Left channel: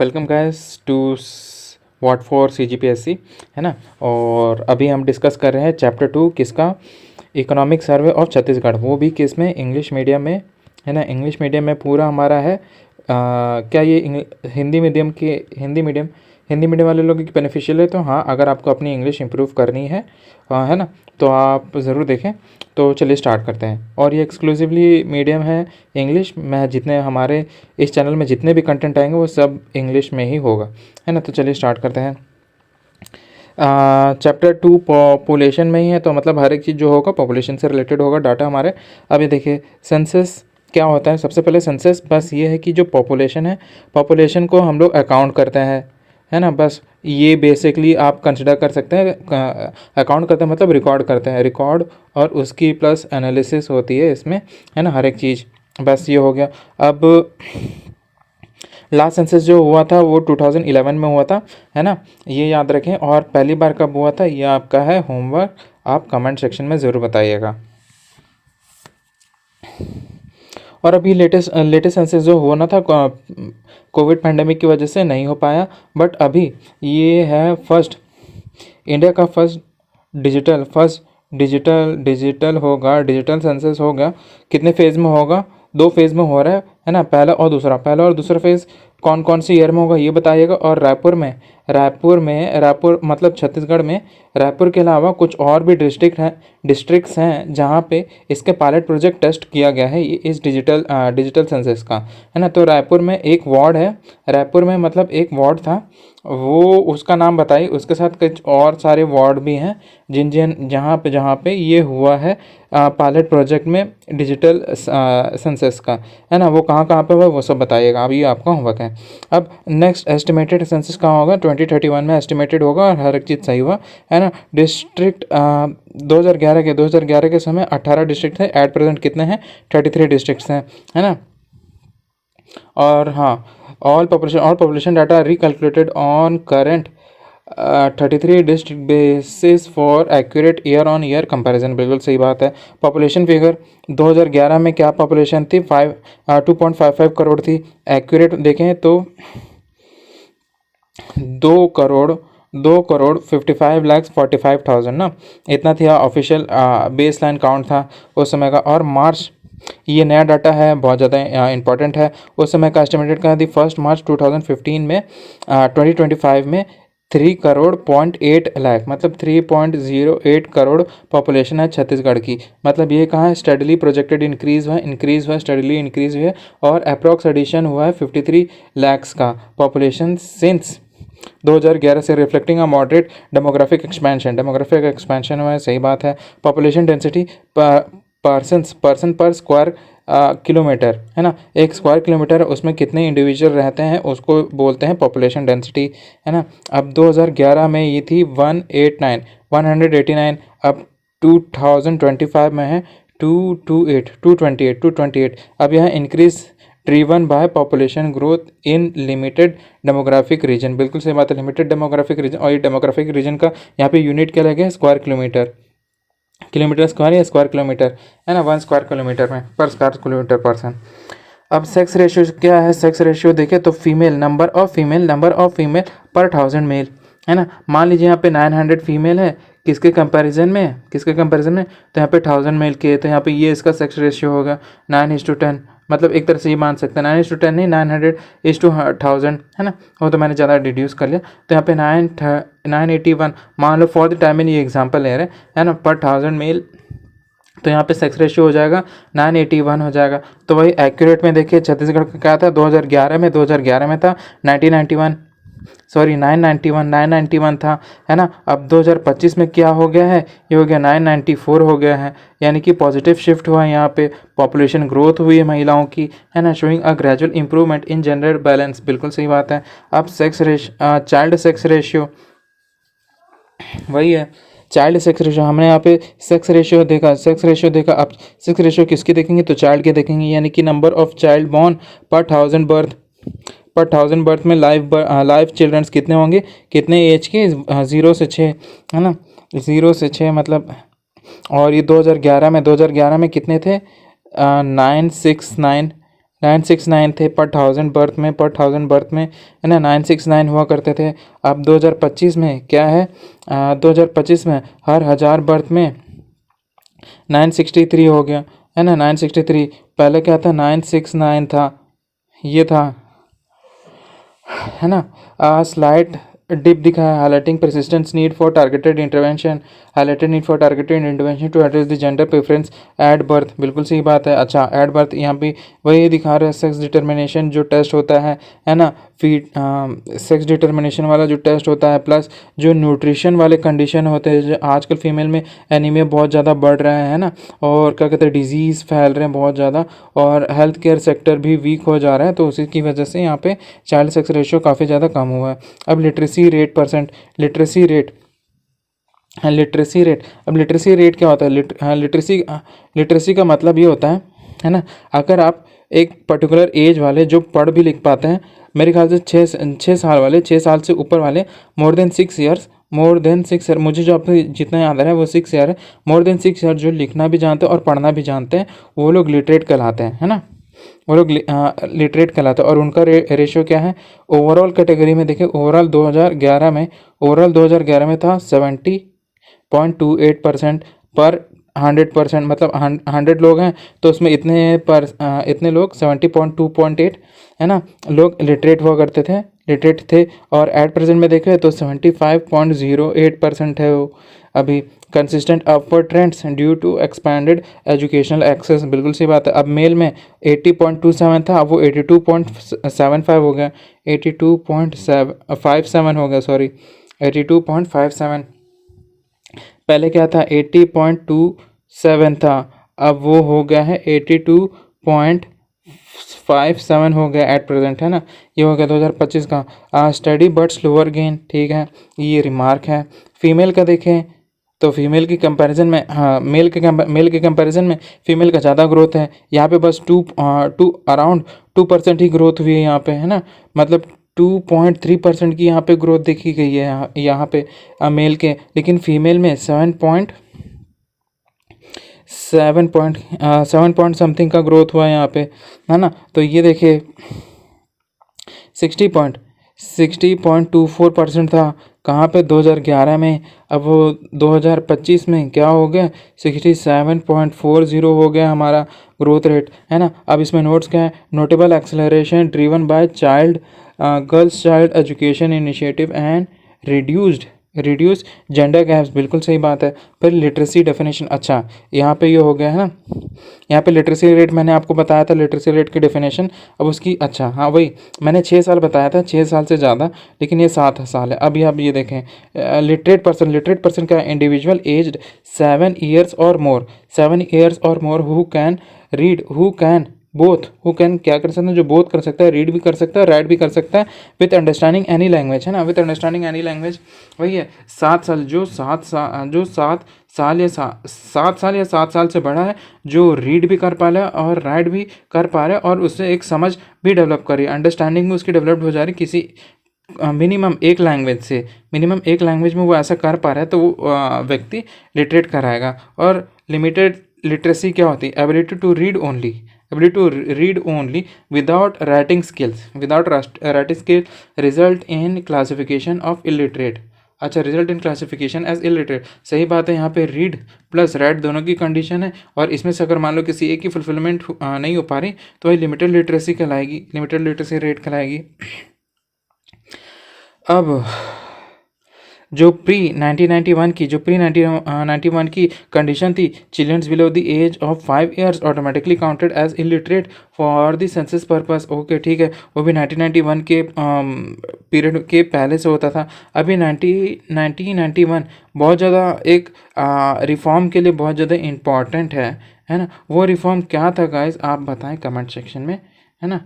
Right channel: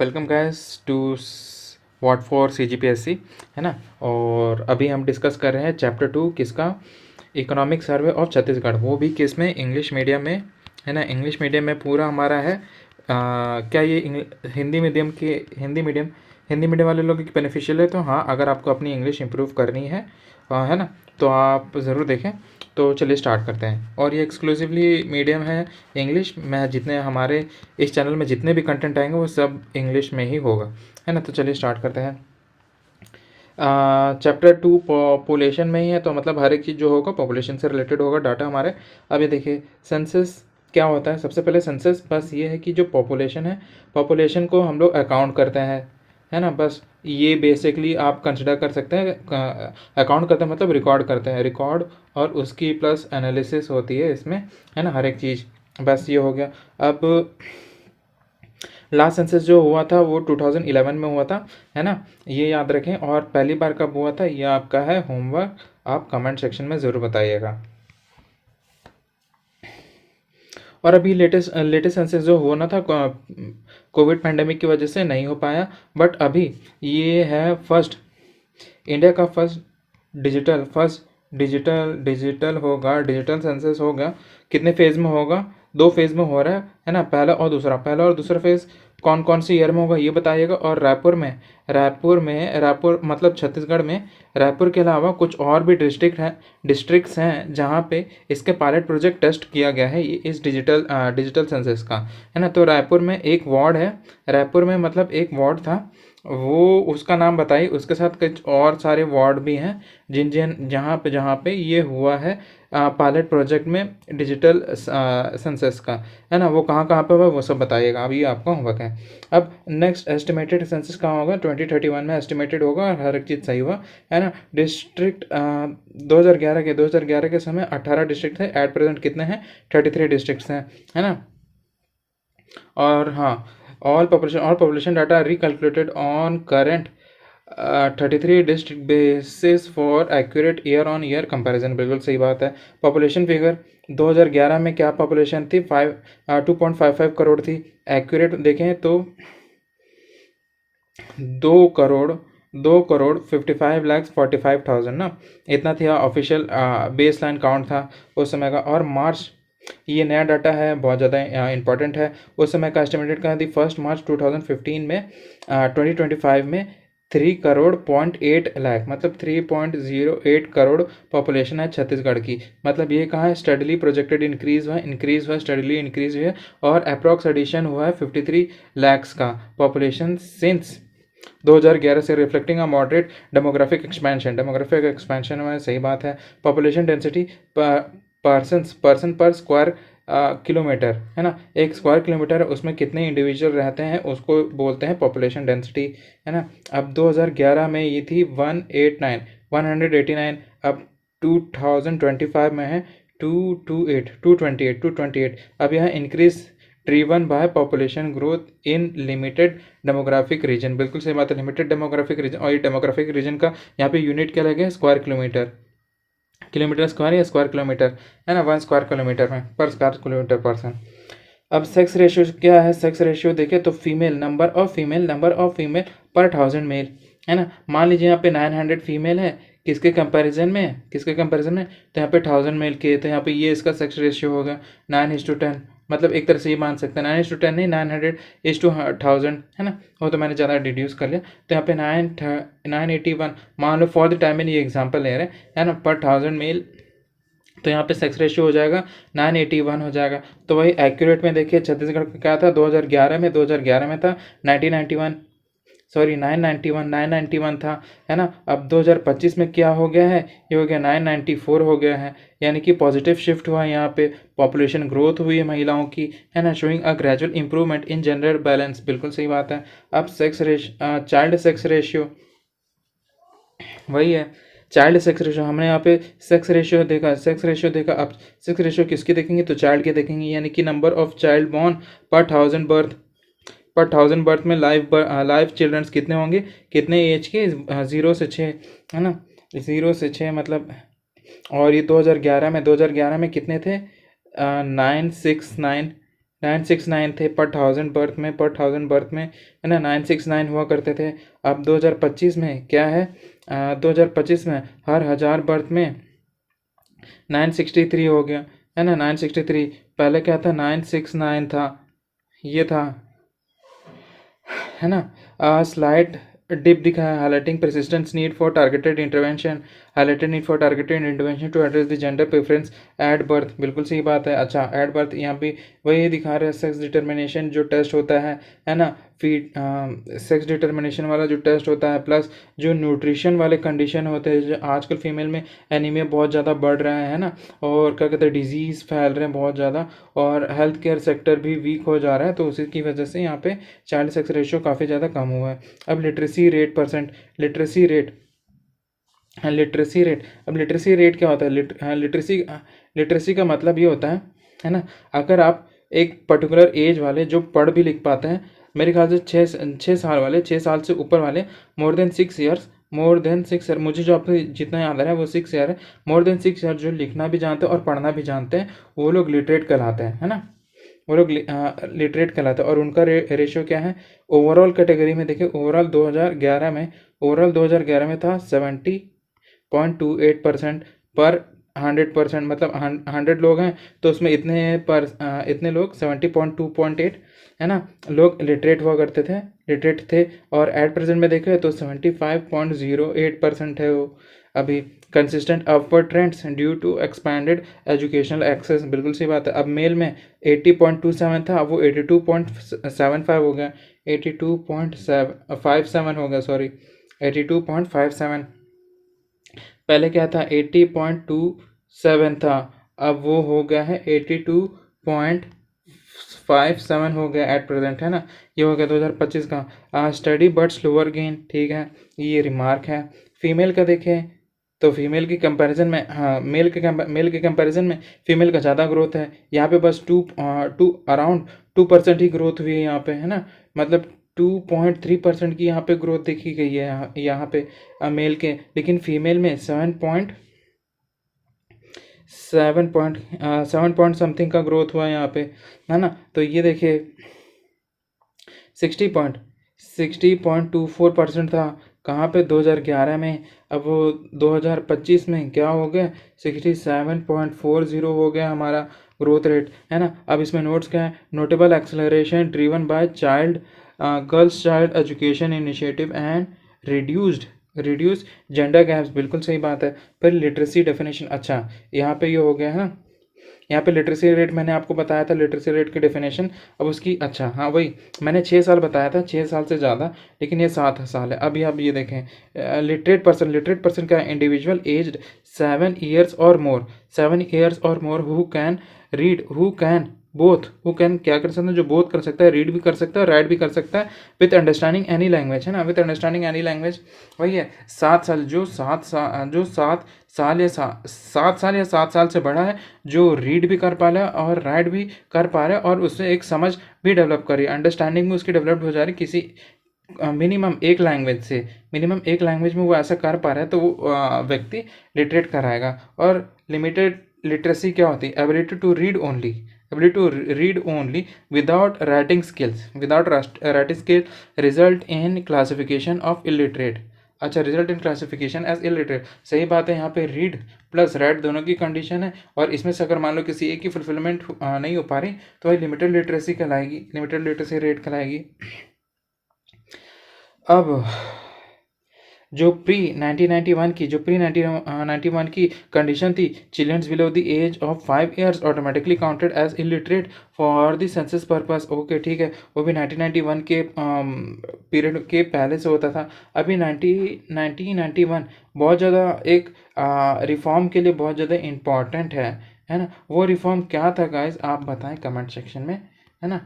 Welcome guys to what for CGPSC, है ना। और अभी हम डिस्कस कर रहे हैं चैप्टर 2 किसका, इकोनॉमिक सर्वे ऑफ छत्तीसगढ़, वो भी किस में, इंग्लिश मीडियम में, है ना। इंग्लिश मीडियम में पूरा हमारा है। क्या ये हिंदी मीडियम वाले लोगों की बेनिफिशियल है? तो हाँ, अगर आपको अपनी इंग्लिश इंप्रूव करनी है ना, तो आप ज़रूर देखें। तो चलिए स्टार्ट करते हैं। और ये एक्सक्लूसिवली मीडियम है इंग्लिश में। जितने हमारे इस चैनल में जितने भी कंटेंट आएंगे वो सब इंग्लिश में ही होगा, है ना। तो चलिए स्टार्ट करते हैं। चैप्टर 2 पॉपुलेशन में ही है, तो मतलब हर एक चीज़ जो होगा पॉपुलेशन से रिलेटेड होगा, डाटा हमारे। अब ये देखिए सेंसस क्या होता है। सबसे पहले सेंसस बस ये है कि जो पॉपुलेशन है, पॉपुलेशन को हम लोग अकाउंट करते हैं, है ना। बस ये बेसिकली आप कंसिडर कर सकते हैं। अकाउंट करते हैं मतलब रिकॉर्ड करते हैं, रिकॉर्ड और उसकी प्लस एनालिसिस होती है इसमें, है ना, हर एक चीज़। बस ये हो गया। अब लास्ट सेंसस जो हुआ था वो 2011 में हुआ था, है ना, ये याद रखें। और पहली बार कब हुआ था ये आपका है होमवर्क, आप कमेंट सेक्शन में ज़रूर बताइएगा। और अभी लेटेस्ट लेटेस्ट सेंसस जो हुआ ना था, कोविड पैंडेमिक की वजह से नहीं हो पाया, बट अभी ये है फर्स्ट, इंडिया का फर्स्ट डिजिटल होगा, डिजिटल सेंसस होगा। कितने फेज़ में होगा? 2 फेज़ में हो रहा है ना, पहला और दूसरा फेज़ कौन कौन सी ईयर में होगा ये बताइएगा। और रायपुर मतलब छत्तीसगढ़ में रायपुर के अलावा कुछ और भी डिस्ट्रिक्ट्स हैं जहाँ पे इसके पायलट प्रोजेक्ट टेस्ट किया गया है, ये इस डिजिटल सेंसस का, है ना। तो रायपुर में एक वार्ड है, रायपुर में मतलब एक वार्ड था, वो उसका नाम बताइए। उसके साथ कुछ और सारे वार्ड भी हैं जहाँ पे ये हुआ है पायलट प्रोजेक्ट में डिजिटल सेंसस का, है ना। वो कहाँ कहाँ पे हुआ वो सब बताइएगा। अब ये आपका होमवर्क है। अब नेक्स्ट एस्टिमेटेड सेंसस कहाँ होगा? 2031 में एस्टिमेटेड होगा और हर एक चीज़ सही हुआ, है ना। डिस्ट्रिक्ट 2011 के समय 18 डिस्ट्रिक्ट थे, एट प्रेजेंट कितने हैं? 33 डिस्ट्रिक्ट्स हैं, है ना। और हाँ, all population data recalculated on current 33 district basis for accurate year on year comparison, बिल्कुल सही बात है। पॉपुलेशन फिगर 2011 में क्या पॉपुलेशन थी? 2.55 करोड़ थी। एक्यूरेट देखें तो 2 करोड़ 55 लाख 45,000 ना, इतना था ऑफिशियल बेस लाइन काउंट था उस समय का। और मार्च, ये नया डाटा है, बहुत ज़्यादा इंपॉर्टेंट है। उस समय का एस्टिमेटेड कहा थी 1 मार्च 2015 में 2025 में 3 करोड़ 0.8 लाख, मतलब 3.08 करोड़ पॉपुलेशन है छत्तीसगढ़ की। मतलब ये कहाँ है? स्टडीली प्रोजेक्टेड इंक्रीज़ हुआ स्टडीली इंक्रीज़ हुआ। और अप्रॉक्स एडिशन हुआ है 53 लैक्स का पॉपुलेशन सिंस 2011 से, रिफ्लेक्टिंग अ मॉडरेट डेमोग्राफिक एक्सपेंशन हुआ है, सही बात है। पॉपुलेशन डेंसिटी पर्सन पर स्क्वायर किलोमीटर, है ना। एक स्क्वायर किलोमीटर उसमें कितने इंडिविजुअल रहते हैं उसको बोलते हैं पॉपुलेशन डेंसिटी, है ना। अब 2011 में ये थी 189, अब 2025 में है 228। अब यह increase driven by population growth in limited demographic region, बिल्कुल सही बात है, लिमिटेड डेमोग्राफिक रीजन। और ये डेमोग्राफिक रीजन का यहाँ पे यूनिट क्या लगे? स्क्वायर किलोमीटर स्क्वायर या स्क्वायर किलोमीटर, है ना। 1 स्क्वायर किलोमीटर में पर स्क्वायर किलोमीटर पर्सन। अब सेक्स रेशियो क्या है? सेक्स रेशियो देखें तो नंबर ऑफ फीमेल पर 1000 मेल, है ना। मान लीजिए यहाँ पे 900 फीमेल है, किसके कंपैरिजन में तो यहाँ पे 1000 मेल के, तो यहाँ पे ये इसका सेक्स रेशियो होगा 9:10। मतलब एक तरह से ये मान सकते हैं 9:10 नहीं, 900:1000, है ना। वो तो मैंने ज़्यादा डिड्यूस कर लिया। तो यहाँ पे 981 मान लो, फॉर द टाइम ये एग्जाम्पल ले रहे हैं, है ना, पर 1000 मेल। तो यहाँ पे सेक्स रेशियो हो जाएगा 981 हो जाएगा। तो वही एक्यूरेट में देखिए छत्तीसगढ़ का क्या था 2011 में था 1991, सॉरी 991 था, है ना। अब 2025 में क्या हो गया है? ये हो गया 994 हो गया है, यानी कि पॉजिटिव शिफ्ट हुआ है। यहाँ पे पॉपुलेशन ग्रोथ हुई है महिलाओं की, है ना, showing a gradual improvement in gender balance, बिल्कुल सही बात है। अब चाइल्ड सेक्स रेशियो वही है, चाइल्ड सेक्स रेशियो हमने यहाँ पे सेक्स रेशियो देखा। अब सेक्स रेशियो किसकी देखेंगे? तो चाइल्ड के देखेंगे, यानी कि नंबर ऑफ चाइल्ड बॉर्न पर 1000 बर्थ में लाइव चिल्ड्रंस कितने होंगे? कितने एज के? 0 से 6, है ना, 0 से 6 मतलब। और ये 2011 में कितने थे? 969, 969 थे पर 1000 बर्थ में, है ना, 969 हुआ करते थे। अब 2025 में क्या है, 2025 में हर 1000 बर्थ में 963 हो गया, है ना, 963। पहले क्या था, 969 था, ये था, है ना। स्लाइड डिप दिखा है, highlighting persistence need for targeted intervention, highlighted need for targeted intervention to address the gender preference at birth. बिल्कुल सही बात है। अच्छा, एट बर्थ यहाँ पे वही दिखा रहे हैं, सेक्स डिटर्मिनेशन जो टेस्ट होता है ना, फीड सेक्स डिटर्मिनेशन वाला जो टेस्ट होता है, प्लस जो न्यूट्रिशन वाले कंडीशन होते हैं, जो आजकल फीमेल में एनीमिया बहुत ज़्यादा बढ़ रहा है ना, और क्या कहते हैं, डिजीज़ फैल रहे हैं बहुत ज़्यादा, और हेल्थ केयर सेक्टर भी वीक हो जा रहा है, तो उसी की वजह से यहाँ पे चाइल्ड सेक्स रेशियो काफ़ी ज़्यादा कम हुआ है। अब literacy rate percent, literacy rate, हाँ लिटरेसी रेट, अब लिटरेसी रेट क्या होता है, लिटरेसी का मतलब ये होता है ना, अगर आप एक पर्टिकुलर एज वाले जो पढ़ भी लिख पाते हैं, मेरे ख्याल से 6 साल वाले, 6 साल से ऊपर वाले, मोर देन 6 ईयर, मुझे जो आपको जितना याद आ रहा है वो 6 ईयर है, मोर देन 6 ईयर जो लिखना भी जानते हैं और पढ़ना भी जानते हैं, वो लोग लिटरेट कहलाते हैं, है ना, वो लोग लिटरेट कहलाते हैं। और उनका रेशियो क्या है, ओवरऑल कैटेगरी में देखें, ओवरऑल 2011 में था 70.28% पर 100%, मतलब 100 लोग हैं तो उसमें इतने लोग 70.2.8, है ना, लोग लिटरेट हुआ करते थे, लिटरेट थे। और एट प्रेजेंट में देखें तो 75.08% है वो अभी। Consistent upward trends due to expanded educational access, बिल्कुल सी बात है। अब मेल में 80.27 था, अब वो 82.75 हो गया, 82.57 हो गया, सॉरी 82.57। पहले क्या था, 80.27 था, अब वो हो गया है 82.57 हो गया एट प्रेजेंट, है ना। ये हो गया 2025 का। स्टडी बट स्लोअर गेन, ठीक है, ये रिमार्क है। फीमेल का देखें तो फीमेल की कंपैरिजन में, हाँ, मेल के कंपैरिजन में फीमेल का ज़्यादा ग्रोथ है। यहाँ पे बस अराउंड 2% ही ग्रोथ हुई है यहाँ पे, है ना, मतलब 2.3% की यहाँ पे ग्रोथ देखी गई है यहाँ पे मेल के, लेकिन फीमेल में 7 पॉइंट समथिंग का ग्रोथ हुआ है यहाँ पे, है ना। तो ये देखिए 60.24% था कहाँ पे, 2011 में। अब वो 2025 में क्या हो गया, 67.40 हो गया हमारा ग्रोथ रेट, है ना। अब इसमें नोट्स क्या है, notable acceleration driven by girls child education initiative and reduce gender gaps, बिल्कुल सही बात है। पर लिटरेसी डेफिनेशन, अच्छा यहाँ पे ये हो गया है ना, यहाँ पे लिटरेसी रेट मैंने आपको बताया था, लिटरेसी रेट की डेफिनेशन। अब उसकी, अच्छा हाँ वही मैंने 6 साल बताया था, 6 साल से ज़्यादा, लेकिन ये 7 साल है। अभी आप ये देखें, लिटरेट पर्सन का इंडिविजुअल एज्ड 7 ईयर्स और मोर, 7 ईयर्स और more who can both, who can क्या कर सकते हैं, जो बोथ कर सकता है, रीड भी कर सकता है, राइट भी कर सकता है, विथ अंडरस्टैंडिंग एनी लैंग्वेज, है ना, विथ अंडरस्टैंडिंग एनी लैंग्वेज। वही है 7 साल, जो 7 साल से बड़ा है, जो रीड भी कर पा रहा है और राइट भी कर पा रहा है, और उससे एक समझ भी डेवलप कर रही है, अंडरस्टैंडिंग में उसकी डेवलप हो जा रही है किसी मिनिमम एक लैंग्वेज में वो ऐसा कर पा रहा है, तो वो व्यक्ति लिटरेट कराएगा। और लिमिटेड लिटरेसी क्या होती है, ability to read only without writing skills result in classification of illiterate. अच्छा, result in classification as illiterate, सही बात है। यहाँ पे रीड प्लस राइट दोनों की कंडीशन है, और इसमें से अगर मान लो किसी एक की फुलफिलमेंट नहीं हो पा रही, तो वही लिमिटेड लिटरेसी कहलाएगी, लिमिटेड लिटरेसी रेट कहलाएगी। अब जो प्री 1991 की कंडीशन थी, childrens below the age of 5 years automatically counted as illiterate for the census purpose. Okay, ठीक है, वो भी 1991 के पीरियड के पहले से होता था। अभी 1991 बहुत ज़्यादा एक रिफॉर्म के लिए बहुत ज़्यादा इम्पॉर्टेंट है ना। वो रिफॉर्म क्या था गाइस, आप बताएं कमेंट सेक्शन में, है ना,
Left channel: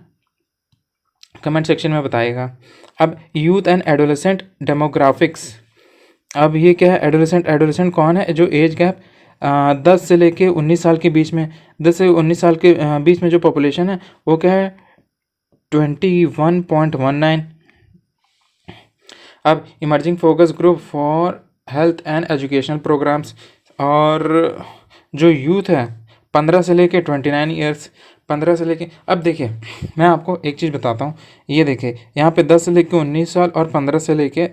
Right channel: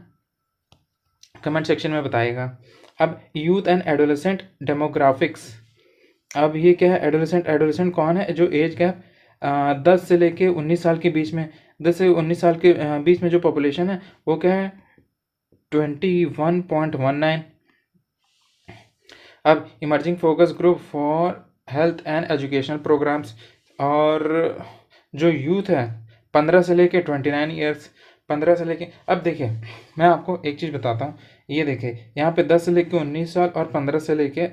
कमेंट सेक्शन में बताइएगा। अब यूथ एंड एडोलेसेंट डेमोग्राफिक्स, अब ये क्या है, एडोलेसेंट कौन है, जो एज गैप 10 से लेके 19 साल के बीच में, 10 से 19 साल के बीच में जो पॉपुलेशन है वो क्या है, 21.19। अब emerging focus group for health and educational programmes, और जो यूथ है 15 से लेके 29 ईयर्स, 15 से लेके, अब देखिए मैं आपको एक चीज़ बताता हूँ। ये देखिए यहाँ पे 10 से लेके 19 साल और 15 से लेके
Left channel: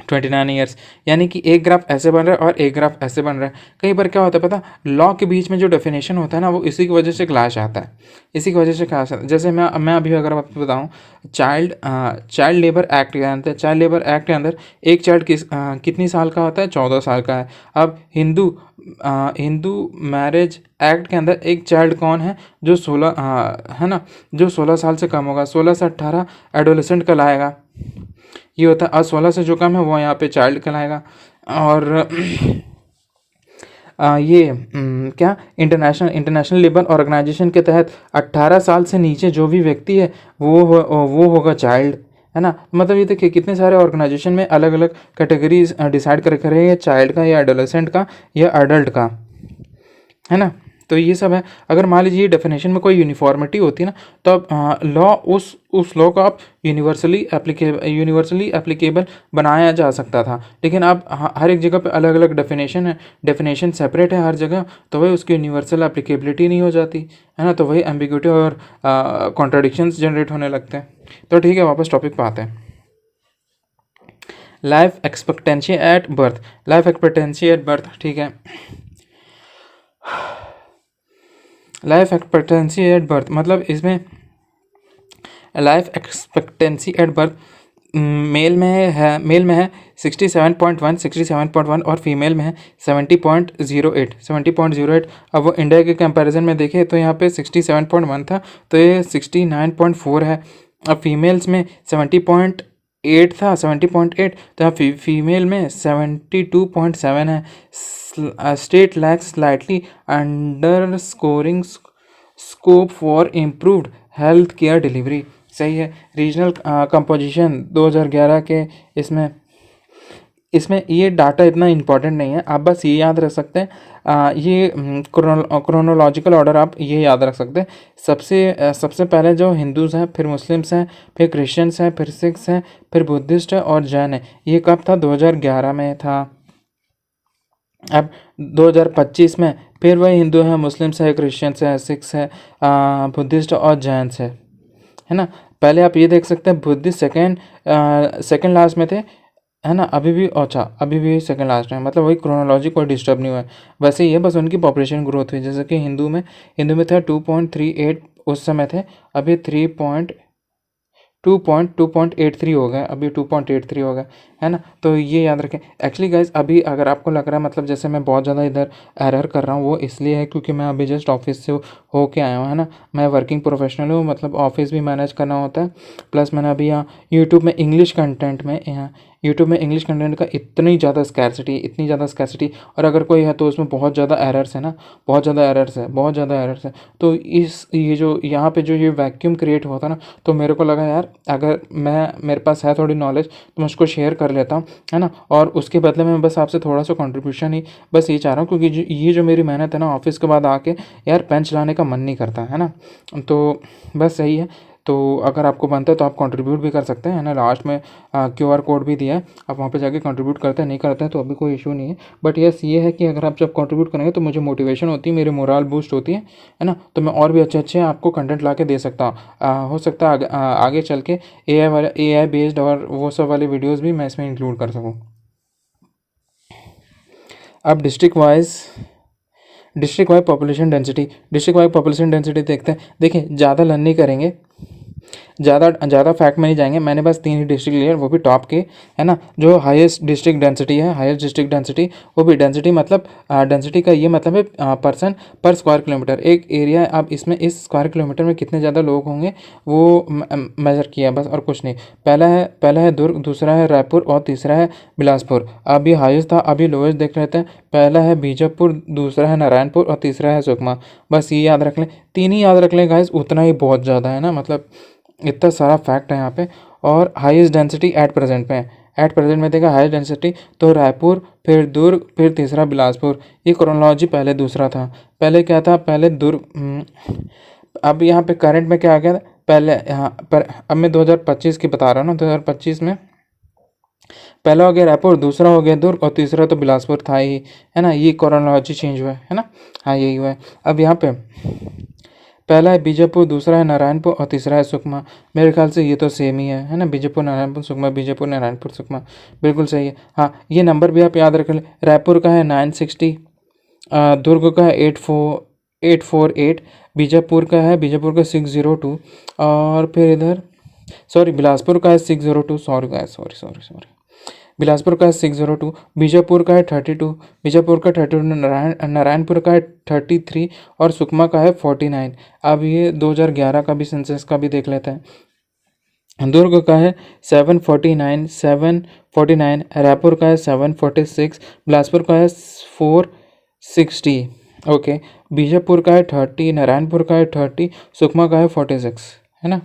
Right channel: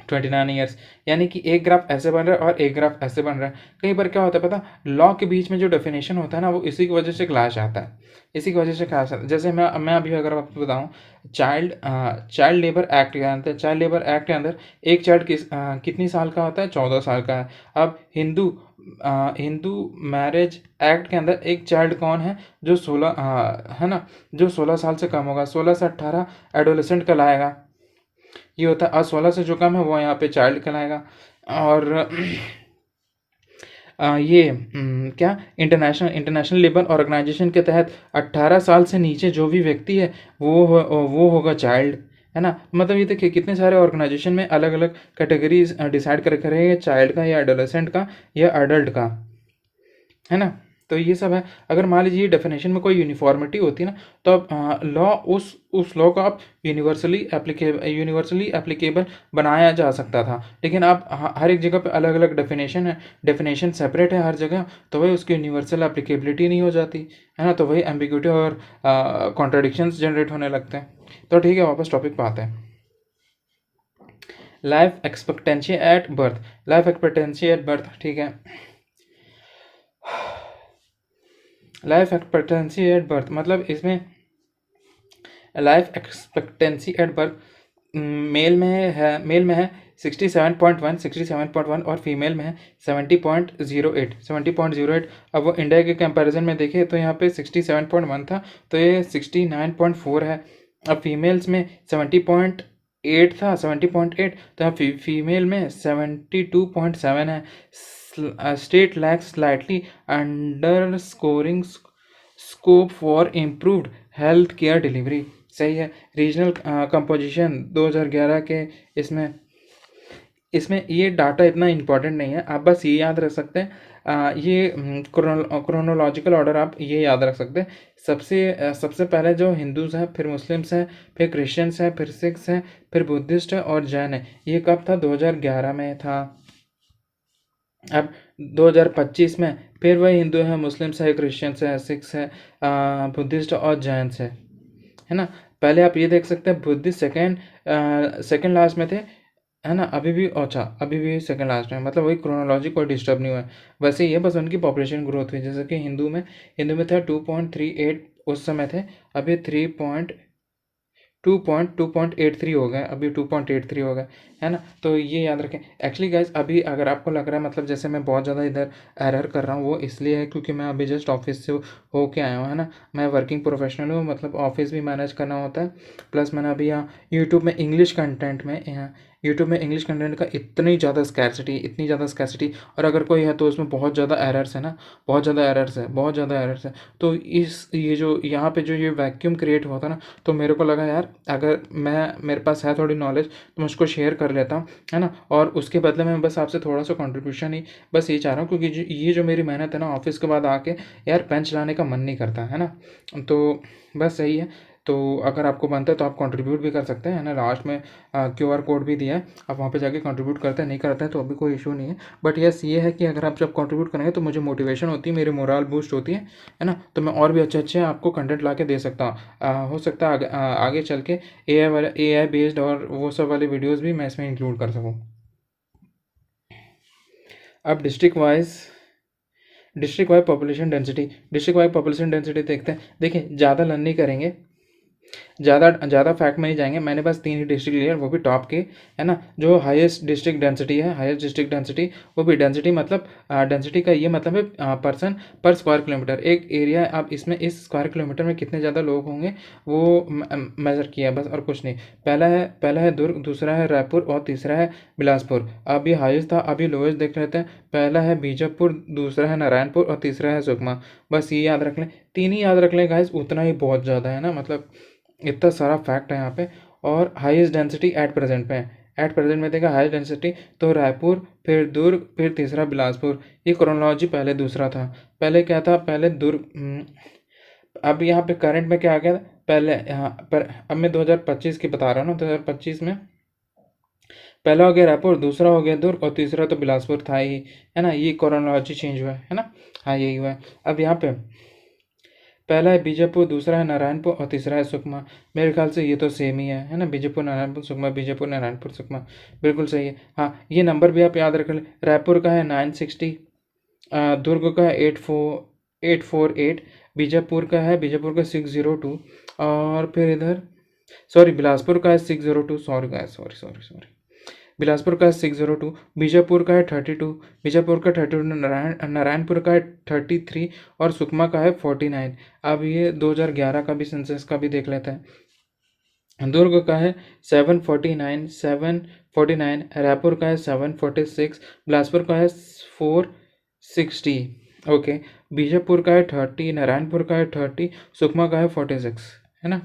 29 ईयर्स, यानी कि एक ग्राफ ऐसे बन रहा है और एक ग्राफ ऐसे बन रहा है। कई बार क्या होता है पता, लॉ के बीच में जो डेफिनेशन होता है ना, वो इसी की वजह से क्लैश आता है, इसी की वजह से क्लैश आता है। जैसे मैं अभी अगर आपको बताऊं, चाइल्ड लेबर एक्ट के अंदर, चाइल्ड लेबर एक्ट के अंदर एक चाइल्ड कितनी साल का होता है, 14 साल का है। अब हिंदू मैरिज एक्ट के अंदर एक चाइल्ड कौन है, जो 16 है ना, जो 16 साल से कम होगा, 16 से 18 एडोलेसेंट कहलाएगा। ये होता है, और 16 से जो कम है वो यहाँ पे चाइल्ड कहलाएगा। और ये क्या, इंटरनेशनल लेबर ऑर्गेनाइजेशन के तहत 18 साल से नीचे जो भी व्यक्ति है वो होगा चाइल्ड, है ना। मतलब ये देखिए कितने सारे ऑर्गेनाइजेशन में अलग अलग कैटेगरीज डिसाइड कर रहे हैं, चाइल्ड का या एडोलेसेंट का या अडल्ट का, है ना। तो ये सब है। अगर मान लीजिए डेफिनेशन में कोई यूनिफॉर्मिटी होती ना, तब लॉ उस लॉ को आप यूनिवर्सली एप्लीकेबल बनाया जा सकता था। लेकिन अब हर एक जगह पे अलग अलग डेफिनेशन है, डेफिनेशन सेपरेट है हर जगह, तो वही उसकी यूनिवर्सल एप्लीकेबिलिटी नहीं हो जाती, है ना। तो वही एम्बिग्यूटी और कॉन्ट्राडिक्शंस जनरेट होने लगते हैं। तो ठीक है, वापस टॉपिक पे आते हैं। Life expectancy at birth, life expectancy at birth, ठीक है। लाइफ एक्सपेक्टेंसी एट बर्थ मतलब इसमें life expectancy at birth male में है 67.1 और फीमेल में है 70.08। अब वो इंडिया के कंपैरिजन में देखें तो यहाँ पे 67.1 था, तो ये 69.4 है। अब फीमेल्स में 70.8 था, 70.8, तो यहाँ फीमेल में 72.7 है। State lakhs slightly under scoring scope for improved health care delivery, सही है। रीजनल कंपोजिशन 2011 के, इसमें इसमें ये डाटा इतना इम्पोर्टेंट नहीं है, आप बस ये याद रख सकते हैं। ये क्रोनोलॉजिकल ऑर्डर आप ये याद रख सकते हैं। सबसे पहले जो हिंदूज़ हैं, फिर मुस्लिम्स हैं, फिर क्रिश्चियंस हैं, फिर सिख्स हैं, फिर बुद्धिस्ट है और जैन है। ये कब था, 2011 में था। अब 2025 में फिर वही हिंदू हैं, मुस्लिम्स है, क्रिश्चियंस है, सिख्स है, बुद्धिस्ट और जैन्स है ना। पहले आप ये देख सकते हैं बुद्धिस्ट सेकंड लास्ट में थे, है ना। अभी भी, अच्छा अभी भी सेकंड लास्ट में, मतलब वही क्रोनोलॉजी कोई डिस्टर्ब नहीं हुआ है। वैसे ही है, बस उनकी पॉपुलेशन ग्रोथ हुई, जैसे कि हिंदू में था 2.38 उस समय थे, अभी 2.83 हो गए, अभी 2.83 हो गए, है ना। तो ये याद रखें। एक्चुअली गाइज अभी अगर आपको लग रहा है मतलब जैसे मैं बहुत ज़्यादा इधर एरर कर रहा हूँ, वो इसलिए है क्योंकि मैं अभी जस्ट ऑफिस से हो के आया हूँ, है ना। मैं वर्किंग प्रोफेशनल हूँ, मतलब ऑफिस भी मैनेज करना होता है, प्लस मैंने अभी यहाँ यूट्यूब में इंग्लिश कंटेंट का इतनी ज़्यादा स्कैर्सिटी, और अगर कोई है तो उसमें बहुत ज़्यादा एरर्स है ना, बहुत ज़्यादा एरर्स है। तो ये जो यहाँ पे जो ये वैक्यूम क्रिएट हुआ था ना, तो मेरे को लगा यार अगर मेरे पास है थोड़ी नॉलेज तो मैं उसको शेयर कर लेता हूँ, है ना। और उसके बदले में बस आपसे थोड़ा सा कंट्रीब्यूशन ही बस ये चाह रहा हूँ, क्योंकि ये जो मेरी मेहनत है ना, ऑफिस के बाद आके यार पेन चलाने का मन नहीं करता, है ना। तो बस सही है। तो अगर आपको बनता है तो आप कंट्रीब्यूट भी कर सकते हैं, है ना। लास्ट में QR कोड भी दिया है, आप वहाँ पे जाके कंट्रीब्यूट करते हैं, नहीं करते हैं तो अभी कोई इशू नहीं है। बट यस ये है कि अगर आप जब कंट्रीब्यूट करेंगे तो मुझे मोटिवेशन होती है, मेरी मोरल बूस्ट होती है ना। तो मैं और भी अच्छे आपको कंटेंट ला के दे सकता हूँ। हो सकता है आगे चल के AI बेस्ड और वो सब वाले वीडियोज़ भी मैं इसमें इंक्लूड कर सकूँ। अब डिस्ट्रिक्ट वाइज पॉपुलेशन डेंसिटी देखते हैं। देखिए ज़्यादा लर्न नहीं करेंगे, ज़्यादा फैक्ट में नहीं जाएंगे। मैंने बस 3 ही डिस्ट्रिक्ट लिए, वो भी टॉप के, है ना। जो हाईएस्ट डिस्ट्रिक्ट डेंसिटी, वो भी डेंसिटी मतलब डेंसिटी का ये मतलब है पर्सन पर स्क्वायर किलोमीटर। एक एरिया है, अब इसमें इस स्क्वायर किलोमीटर में कितने ज़्यादा लोग होंगे वो मेज़र किया बस, और कुछ नहीं। पहला है दुर्ग, दूसरा है रायपुर और तीसरा है बिलासपुर। अभी हाईएस्ट था, अभी लोएस्ट देख लेते हैं। पहला है बीजापुर, दूसरा है नारायणपुर और तीसरा है सुकमा। बस ये याद रख लें, 3 ही याद रख लें गाइस, उतना ही बहुत ज़्यादा है ना। मतलब इतना सारा फैक्ट है यहाँ पे। और हाईएस्ट डेंसिटी एट प्रेजेंट में देखा हाईएस्ट डेंसिटी तो रायपुर, फिर दुर्ग, फिर तीसरा बिलासपुर। ये क्रोनोलॉजी पहले दूसरा था, पहले क्या था, पहले दुर्ग। अब यहाँ पे करंट में क्या आ गया था पहले यहाँ पर। अब मैं 2025 की बता रहा हूँ ना, 2025 में पहला हो गया रायपुर, दूसरा हो गया दुर्ग और तीसरा तो बिलासपुर था ही, है ना। ये क्रोनोलॉजी चेंज हुआ है ना। हाँ यही हुआ है। अब यहाँ पे पहला है बीजापुर, दूसरा है नारायणपुर और तीसरा है सुकमा। मेरे ख्याल से ये तो सेम ही है ना, बीजापुर नारायणपुर सुकमा, बीजापुर नारायणपुर सुकमा, बिल्कुल सही है। हाँ, ये नंबर भी आप याद रख लें। रायपुर का है 960, दुर्ग का है 848, बीजापुर का 602, और फिर इधर सॉरी बिलासपुर का है 602, sorry guys, sorry sorry sorry, Bilaspur का है 602, बीजापुर का है 32, बीजापुर का 32, नारायणपुर का है 33 और सुकमा का है 49। अब ये 2011 का भी सेंसस का भी देख लेते हैं। दुर्ग का है 749, रायपुर का है 746, बिलासपुर का है 460, ओके, बीजापुर का है 30, नारायणपुर का है 30, सुकमा का है 46, है ना।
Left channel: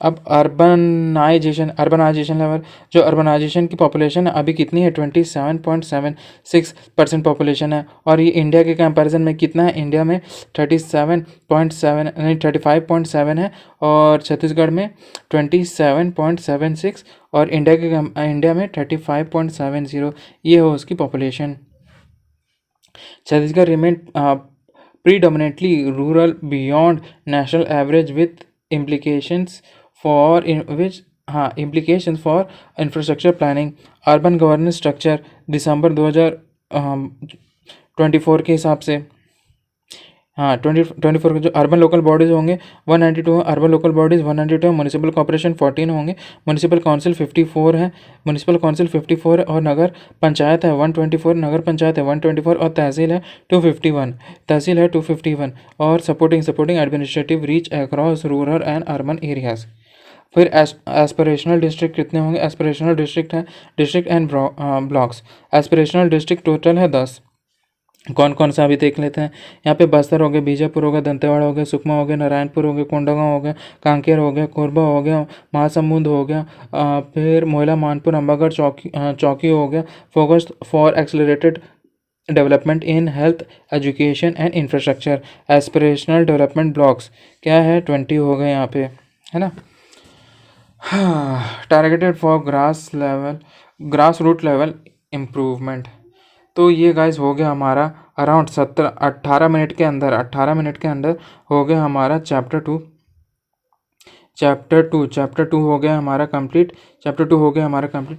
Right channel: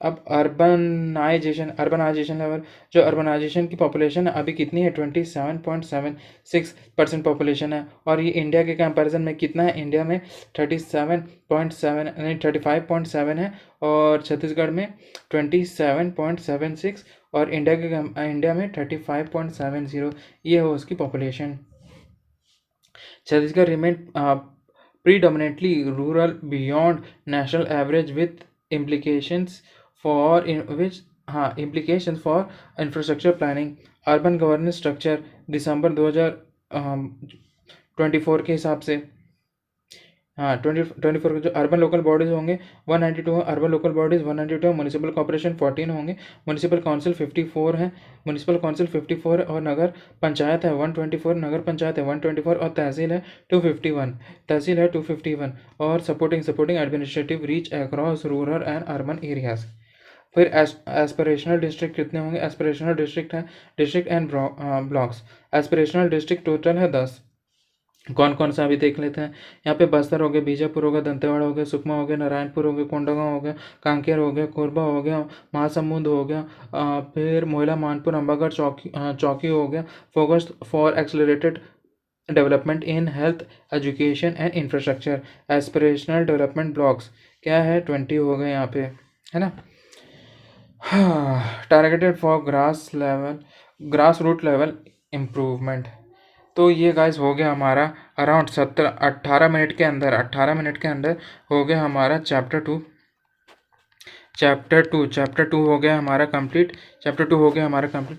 अब अर्बनाइजेशन लेवल, जो अर्बनाइजेशन की पॉपुलेशन है अभी कितनी है, 27.76% पॉपुलेशन है। और ये इंडिया के कंपैरिजन में कितना है, इंडिया में 37.7 नहीं 35.7 है, और छत्तीसगढ़ में 27.76, और इंडिया में 35.70, ये हो उसकी population. Chhattisgarh remain predominantly rural beyond national average with implications for implications for infrastructure planning, urban governance structure, दिसंबर 2024 के हिसाब से। हाँ, 2024 के जो अर्बन लोकल बॉडीज़ होंगे 192, urban local bodies 192, municipal corporation 14 होंगे, म्यूनिसिपल काउंसिल 54 है, म्यूनिसिपल काउंसिल 54 है, और नगर पंचायत है 124, नगर पंचायत है 124, और तहसील है 251, और supporting administrative reach across rural and urban areas. फिर एस्पिरेशनल डिस्ट्रिक्ट कितने होंगे, एस्पिरेशनल डिस्ट्रिक्ट है district and blocks, aspirational district total है 10। कौन कौन सा अभी देख लेते हैं। यहाँ पे बस्तर हो गया, बीजापुर हो गया, दंतेवाड़ा हो गया, सुकमा हो गया, नारायणपुर हो गया, कोंडागांव हो गया, कांकेर हो गया, कोरबा हो गया, महासमुंद हो गया, फिर मोहला, मानपुर, अंबागढ़, चौकी हो गया। Focused for accelerated development in health, education and infrastructure. Aspirational development blocks क्या है, 20 हो गए यहाँ पे, है ना। Targeted for grass root level improvement. तो ये गाइस हो गया हमारा अराउंड 18 मिनट के अंदर हो गया हमारा चैप्टर टू हो गया हमारा कंप्लीट।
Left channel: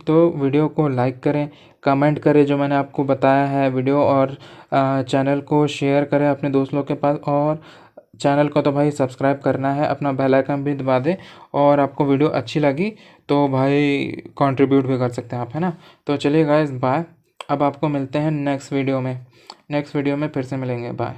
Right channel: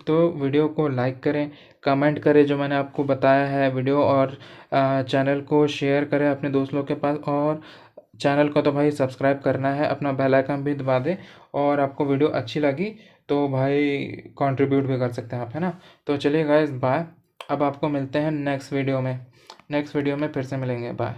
तो वीडियो को लाइक करें, कमेंट करें जो मैंने आपको बताया है वीडियो, और चैनल को शेयर करें अपने दोस्त लोग के पास, और चैनल को तो भाई सब्सक्राइब करना है, अपना बेल आइकन भी दबा दें। और आपको वीडियो अच्छी लगी तो भाई कंट्रीब्यूट भी कर सकते हैं आप, है ना। तो चलिए गाइस, बाय। अब आपको मिलते हैं नेक्स्ट वीडियो में फिर से मिलेंगे, बाय।